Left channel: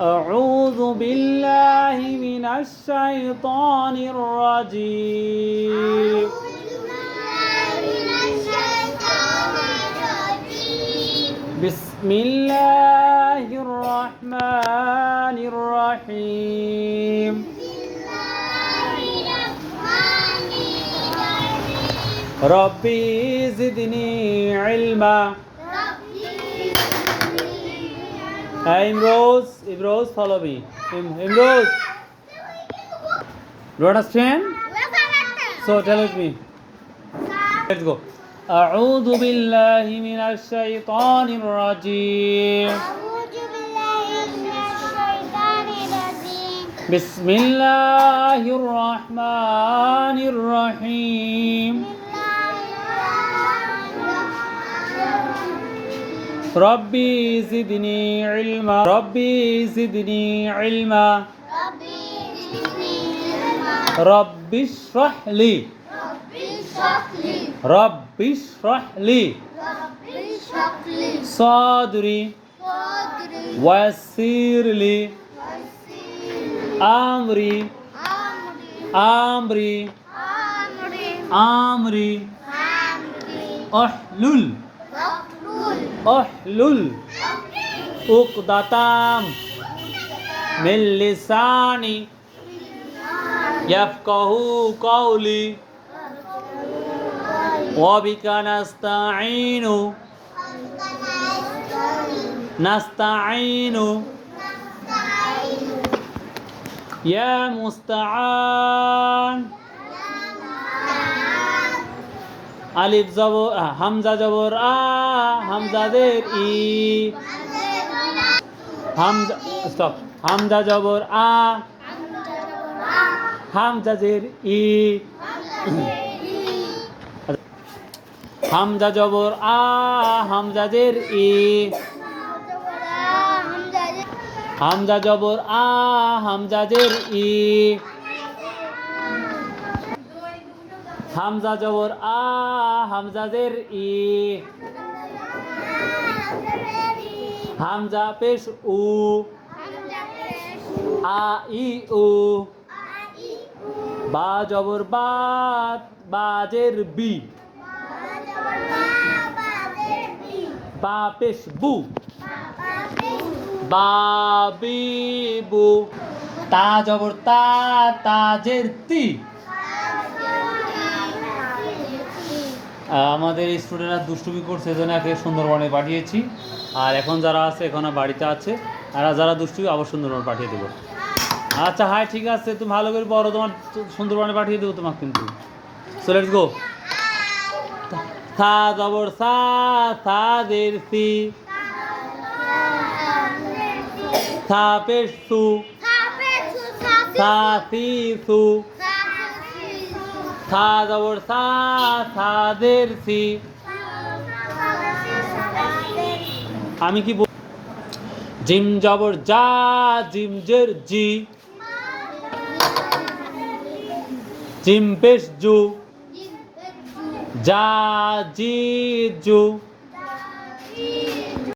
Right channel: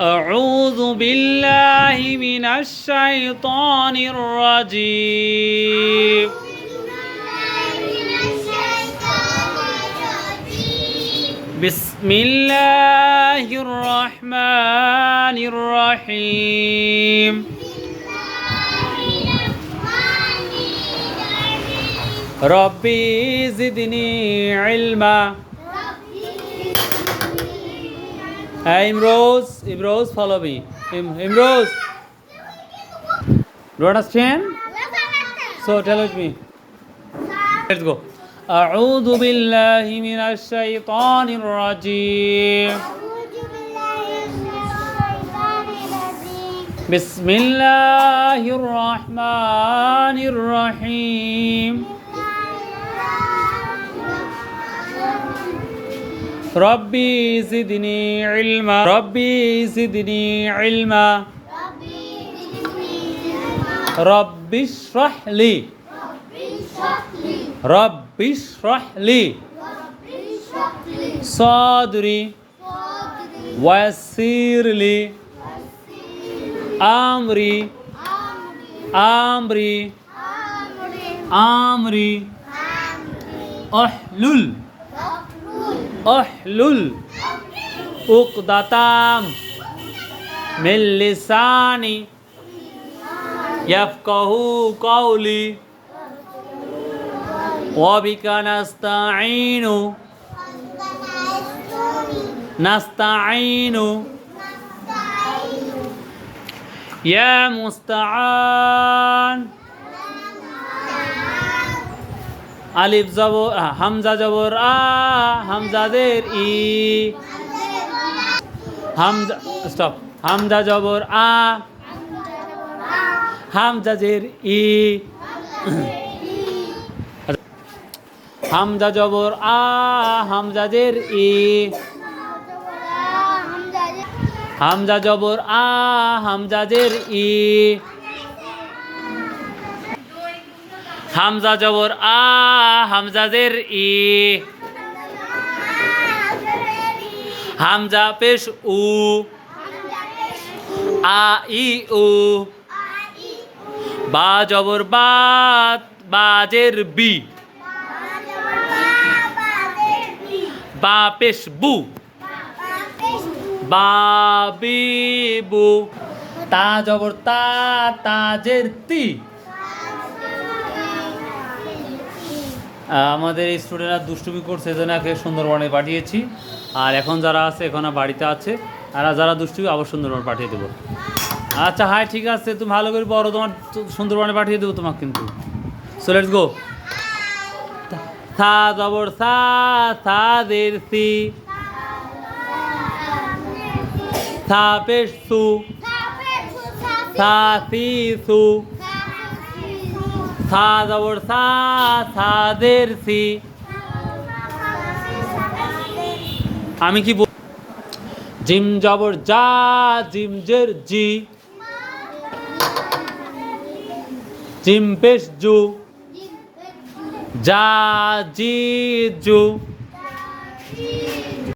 أعوذ بالله من الشيطان الرجيم. بسم الله الرحمن الرحيم. ربي زدني علما. Hey, Imrose, Imrose, follow me. Im- Imrose, do you understand? So tell it me. Let's go. أعوذ بالله من الشيطان الرجيم بسم الله الرحمن الرحيم ربي زدني علما. ربي زدني علما. رب اشرح لي. رب اشرح لي. صدري ويسر لي. أمري. أمري. أمري. أحلل. أحلل عقدة من لساني يفقه قولي وبك نستعين نستعين يا مستعان আলিফ জবর হামজা জবর, আ, হামজাদের ই। হামজা স্টপ হামজা জবর, আ হামজাজের ই। হামজা জবর, আ হামজাজের ই। হামজা জবর, আ হামজাজের ই। হামজা জবর, আ হামজাজের ই। হামজা পেশ উ। আ, ই, উ। বা জবর বা বাজের বি। বা পেশ বু। বাবি বু তা জবর, তা তাজের তি। আমাদের এই স্টুডেন্টরা দুষ্টুমি করছে এজন্য একে সুন্দরবনে পাঠিয়েছি। আর এখন যারা আছে এখন আর বাড়িতে আছে আর যারা দুষ্টুমি আবার সুন্দরবনে পাঠিয়ে দেবো। আচ্ছা হাই ঠিক আছে তুমি ভালো করে পড়ো তোমার সুন্দরবনে পাঠিয়ে দেবো তোমাকে কিন্তু। সো লেটস গো থা জবর সা থা দের সি। থা পেশ সু। থা সি সু। থা জবর সা থা দের সি। আমি কি জিম জবর যা, জিম জের জি। জিম পেশ জু। যা, জি, জু।